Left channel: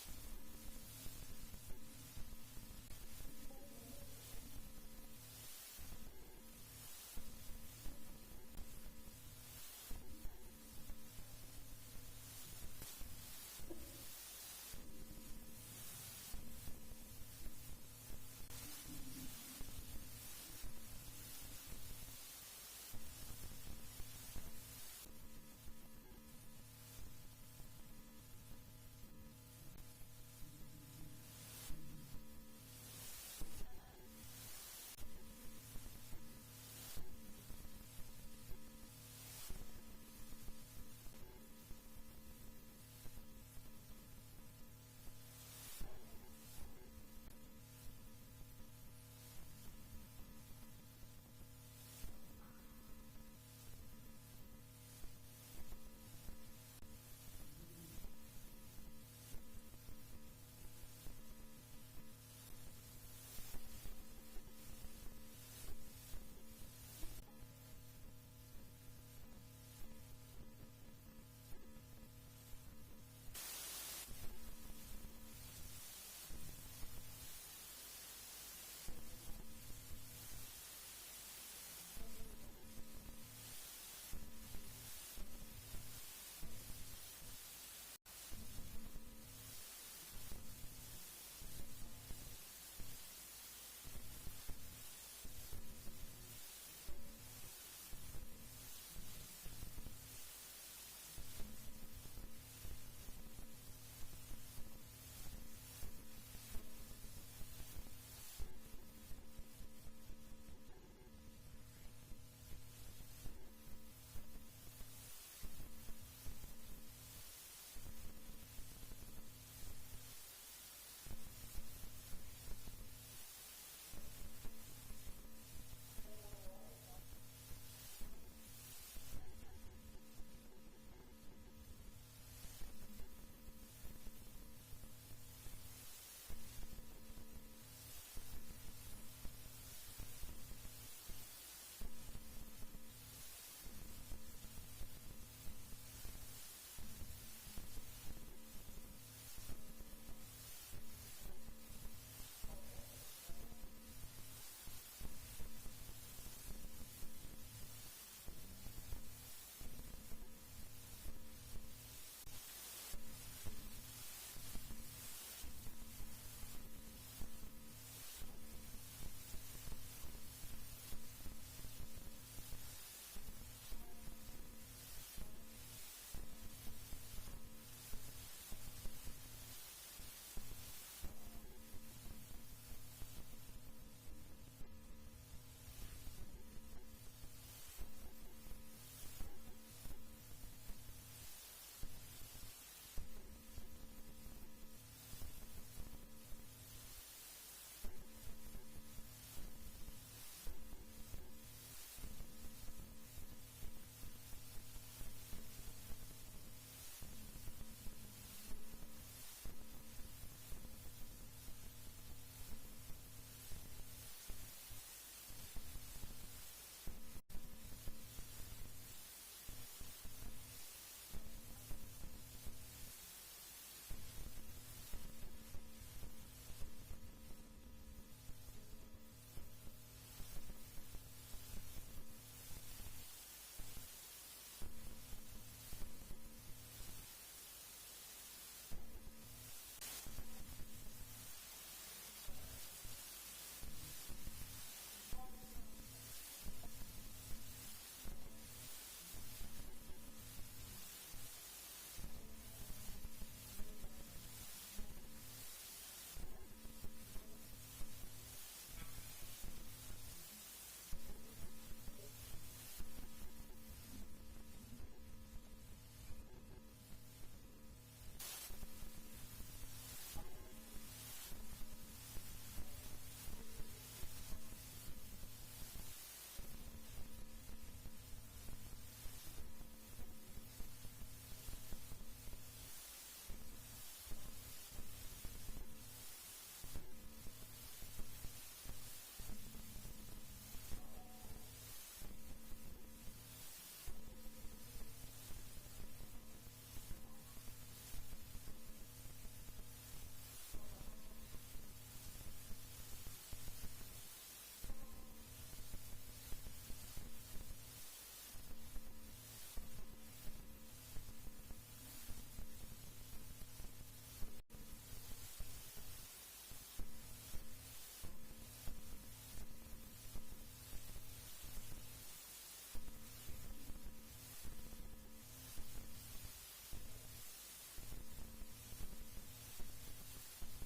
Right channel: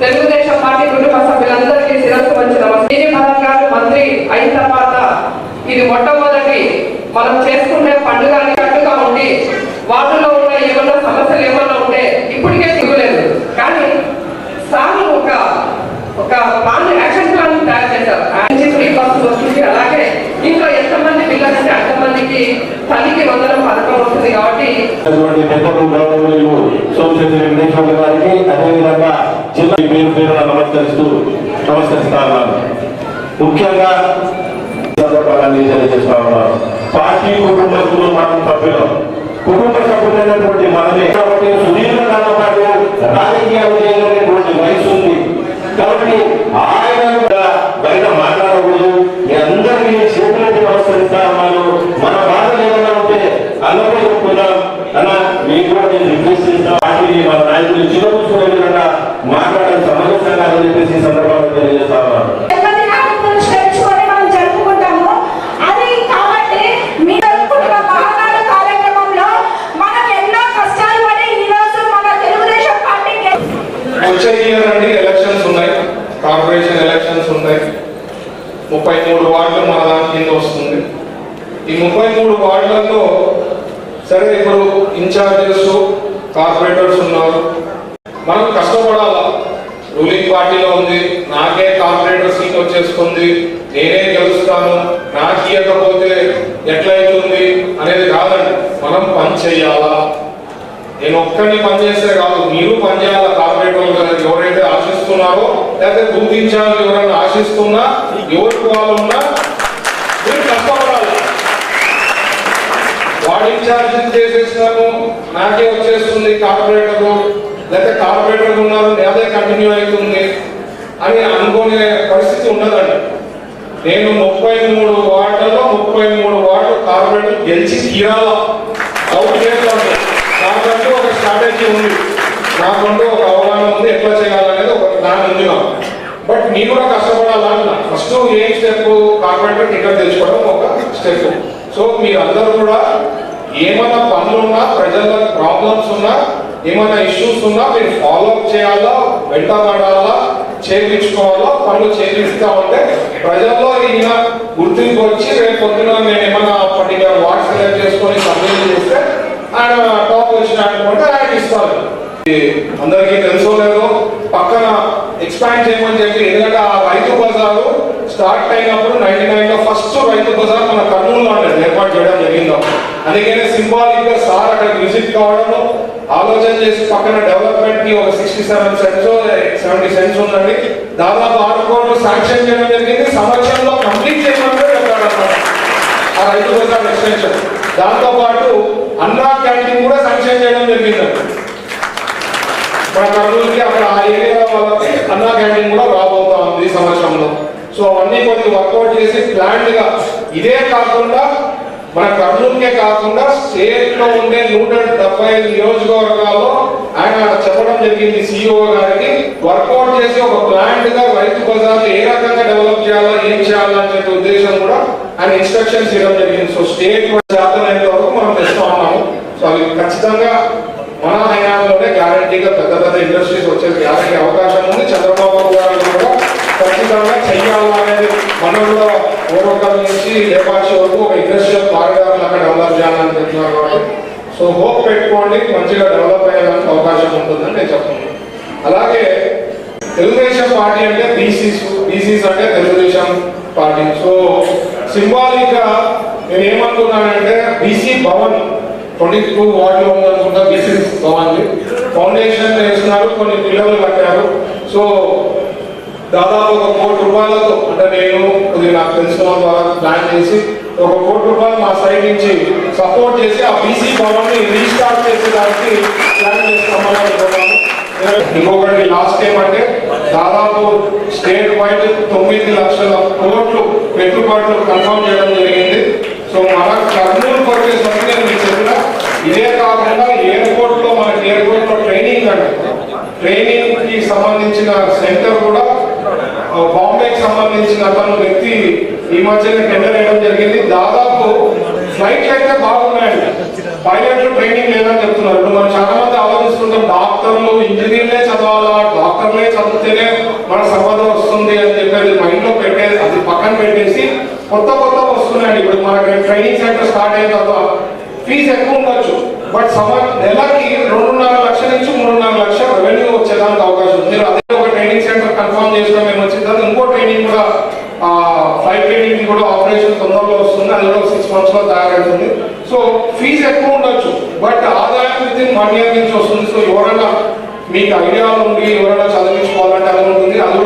Telugu Desam party కుటుంబ సభ్యులందరికీ శిరస్సు వచ్చిన శ్రీని భరత్ గారు మంత్రి అయిన తర్వాత ఇది మొట్టమొదటి మనం చేసుకునే పండుగ అన్నట్టుగా ఉండి వాటిలో ఉన్న ఏమన్నా సమస్యలు ఏమన్నా ఉంటే ఇప్పటికే దిగులేదు కానీ సార్ ఒక ఒక ప్లాన్ యాక్షన్ ప్లాన్ తయారు చేశారు. నుంచి ఫ్రీ బస్సు వస్తుంది. అలాగే ఇంట్లో ఎంతమంది పిల్లలంటే అంతమందికి తల్లికి వందనం పథకం వస్తుంది కాబట్టి వెంకటేశ్వర గారికి అదేవిధంగా జిల్లా పేరు పేరున నమస్కరిస్తూ నమస్కరిస్తాను ముఖ్యంగా తెలియజేస్తా ఉన్నాను పార్టీ కుటుంబ సభ్యులు మనం సభ్యులు. కుటుంబ సభ్యులైనటువంటి మనమే. కాబట్టి సుదీర్ఘకాలం పాటు రాజకీయాలు చేయలేనటువంటి వయసు ఉంది. కాబట్టి ఆయన కూడా బయట మాట్లాడకూడదు. మీ అందరినీ చేతులకి నమస్కరిస్తా ఉన్నాను మన బాధలు ఏమైనా ఉంటే అన్నపై చెప్పుకుందాం. అన్న మీకు కూడా నేను రిక్వెస్ట్ చేస్తాను పార్టీని మన నాయకులు చిన్నకూర్చుకునే విధంగా మాట్లాడే సమంజసంగా అని చెప్పేసి ఈ సందర్భంగా తెలియజేస్తా ఉన్నాను ఎప్పటి నాటి గురించి తెలుసుకొని మనం జరుపుకుంటాము అది కాబట్టి మీ జరుపుకుంటున్న మహానాడు కార్యక్రమంలో మనం ఎన్నో కష్టాలు పడి ఈ రోజు మన తెలుగుదేశం పార్టీకి వచ్చే ఇయర్ అండి ఎలక్షన్స్ ఉన్నాయి కార్పొరేషన్ ఎలక్షన్స్ ఉన్నాయి ముప్పై మూడు వార్డులు మన దాని కింద వస్తుంది. ఈ ముప్పై మూడు వార్డులలో సరే ఇప్పుడు ఇన్ఛార్జెస్ కార్పొరేటర్స్ ఉన్నారు. మనం కష్టపడాలా? రూలింగ్ పార్టీలో ఉంది. నాకే కార్పొరేటర్ సీట్ వచ్చేస్తుంది. నేనే గెలుస్తాను. నాకు ఇవ్వకపోతే ఎట్లయితుంది అనేది కాదండి. మనం పని చేయాలా? నేను ఒక్కడిని పనిచేస్తే కాదు. మీరు పనిచేయాలా కార్పొరేటర్ ఎవరైతే ఆశిస్తున్నారో లేకపోతే బూత్ ఇన్ఛార్జ్ ఎవరైనా ఆశిస్తున్నా ఎవరికి వాళ్ళు ఉన్నా మీరు కష్టపడాలి. వాడు ఇన్ఛార్జ్ చేసేస్తాను నాకే వచ్చేస్తుంది కార్పొరేటర్ లేకపోతే కార్పొరేటర్ ఉన్నారు అదే కంటిన్యూ అవుతుంది అని అనుకునే పరిస్థితి ఉండదండి. నేను ముప్పై మూడు వార్డులలో ముప్పై మూడు వార్డు కార్పొరేటర్ గెలిచి తీరాలా? అవుట్ చేస్తాను నాకంటూ ఒక స్ట్రాటజీ ఉంది. నాకంటూ ఒక అవగాహన ఉంది ఎట్లా చేయాలనేది ఒక ప్లాన్ ఉంది నాకు బట్ నేను కూడా కష్టపడాలన్నా ఫస్ట్ ఏం స్టెప్ కార్పొరేటర్ టికెట్ తెచ్చుకోవడం ఒక స్టెప్ సో మీరందరూ కూడా ఏమైనా పనులు ఉన్నా ప్రజల ప్రాబ్లమ్స్ ఉన్నా ఏమైనా ఇష్యూస్ ఉన్నా మీరు ఫాలో అప్ చేయాలా వెంటబడాలా చేయించుకోవాలా పనులు చేయిస్తా ఉంటే ప్రజల్లో ఈయన గుర్తింపు వచ్చి రేపు పొద్దున నేను ఏమైనా పర్టికులర్ వార్డ్ సెలెక్ట్ చేసుకొని సబ్మిట్ చేస్తే ఆయన టాప్ వచ్చిన అనుకుంటే ఆయన ఇస్తారు ఇది అందరికీ తెలుసో లేదో పక్కన ఎక్స్పాండ్ చెప్పి ఎందుకంటే ఆ రైతు బజారు స్టార్ట్ అయినప్పుడు నైన్టీ నైన్లో ఫస్ట్ రైతు బజార్ మన కర్నూలులో ఉండేది ఏర్పాటు చేయడం జరిగింది అందుకనే సింబాలిక్గా సార్ అక్కడ విజిట్ కావడము ఆలోచన చేసి పక్కన డెవలప్మెంట్కి ఒక sixty seven cents seventy cents ఉందండి. దాదాపు ఆరు కోట్లు శాంక్షన్ చేయడం జరిగింది. సంవత్సరంలో కంప్లీట్ చేయమని చెప్పాడు ఆ రైతు బజార్ ఎక్స్టెన్షన్. దాంతో పాటు అన్నా క్యాంటీన్ కూడా శాంక్షన్ చేయడం జరిగిందండి మన కర్నూలుకి అక్కడ ఆ ఏరియా వాళ్ళకి అన్నా క్యాంటీన్ కూడా రాబోతా ఉంది ఈ సంవత్సరంలో. సో అవన్నీ కొద్దిగా వర్కౌట్ చేసి ప్లాంట్గా ఇదే కాకుండా మన కర్నూలుకే కాకుండా స్టేట్లో ఉండే నూట డెబ్బై ఐదు నియోజకవర్గాల్లో ఆయన చెప్పడం జరిగింది సిఇఓ గారికి. వర్కౌట్ చేసి ఒక ప్లాంట్గా రైతు బజార్ ఏ రకంగా డెవలప్ చేయాలా ఏం చేయాలా అనే ఉద్దేశం కూడా ఆయన ఇన్స్ట్రక్షన్స్ ఇవ్వడం జరిగింది. సో స్టేట్ శాతమైనంత వరకు మనం తెస్తా ఉన్నాము సో అవి ఖచ్చితంగా మన హయాంలోనే పెద్ద పెద్ద ఇండస్ట్రీస్ వచ్చేసి గ్యారంటీ అవకాశం ఉంది. చంద్రబాబు గారు కూడా ఖచ్చితంగా చెయ్యాలనేది మనం కూడా ఓరకల్ నుంచి లేపాక్షి వరకు ఒక ఇండస్ట్రియల్ కారిడార్ లాగా డెవలప్ చేయాలని చెప్తున్నారు కాబట్టి. సో హోప్ పెట్టుకోండి. మంచిగా డెవలప్ అయ్యేదానికి అవకాశం ఉంటుందని నేను చెప్తున్నాను. అలాగే తెలుగుదేశం పార్టీ అంటే బీసీస్ బీసీస్ అంటే తెలుగుదేశం పార్టీ. సో సింబాలిక్ నేను ఏమనుకున్నానంటే బీసీ భవన్ ట్వంటీ టూ వార్డులో ఉందనుకుంటా బీసీ భవన్. ఫౌండేషన్ వేస్తున్నారు కొన్ని పిల్లలు కట్టారు. సో దాదాపు ఒక కోటి రూపాయలతో అంటే నేను కొద్దిగా నాకు తెలిసిన ద్వారా ప్లాన్ చేసి ఒక కోటి రూపాయలు మా సైడ్ నుంచి సపోర్ట్ చేసి ఆ బీసీ భవన్ని రీస్టార్ట్ చేసేదానికి ప్లాన్ చేస్తామని అనుకున్నాను ఇంకొకటి లాస్ట్ టైం అంటే దాదాపు స్టేట్ వైడ్ తొమ్మిది లక్షల కోట్లు పెట్టుబడులు కన్ఫర్మ్ చేయడం జరిగింది. సో మన కర్నూలు వచ్చేసరికి నేను మీకు చెప్పిన ఇదే కాకుండా ఎయిర్పోర్ట్లో మనకి ఎయిర్పోర్ట్లో ట్రైనింగ్ అంటే ట్రైనింగ్కి సంబంధించిన సెంటర్ కూడా ఆ, బాంబేకి సంబంధించిన అతను వ్యక్తి ఈ మధ్యన టెండర్ వేయడం జరిగింది. దాదాపు ఫ్లైట్లు అయితే బాగున్నాయండి పైలట్లు ట్రైనింగ్ లేదని చెప్తున్నారు. ఇప్పుడు మనం చాలా మంది ఆలోచిస్తుంటాం డాక్టర్లు ఇంజనీర్లే చదవాలా డాక్టర్లే చదివితేనే మన సంపద వస్తుంది అని చెప్పేది మైండ్లో పెట్టేది అది పక్కన పెట్టేసి కొత్త కొత్త వస్తున్నాయండి. ఇప్పుడు మనకి ట్రైనింగ్ సెంటర్ స్టార్ట్ అయిన తర్వాత ఫీజు ఎక్కువ ఉండొచ్చు. బట్ సమ నెలకి రెండున్నర లక్షల నుంచి మూడున్నర లక్షల రెవెన్యూ వచ్చేదానికి అవకాశం ఉంది మీరు అదే ఒక ట్రైనింగ్ సెంటర్ కన్ఫర్మ్ చేసిన మేము వచ్చిన తర్వాత ఇంకో ట్రైనింగ్ కూడా ఫ్లైట్ ట్రైనింగ్ కూడా ఆపరేషన్ తొందరలో వస్తుంది అది కూడా సిక్స్ మంత్స్ సో ఫీజు ఎక్కువ ఉండొచ్చు బట్ ఆదాయం విత్ ఇన్ వన్ ఇయర్ నుంచి వస్తుంది. సో ఎవరైనా మీకు ఐడియా ఉండి ఎవరైనా చదివించుకోవాలంటే అది ఉంటుంది. అది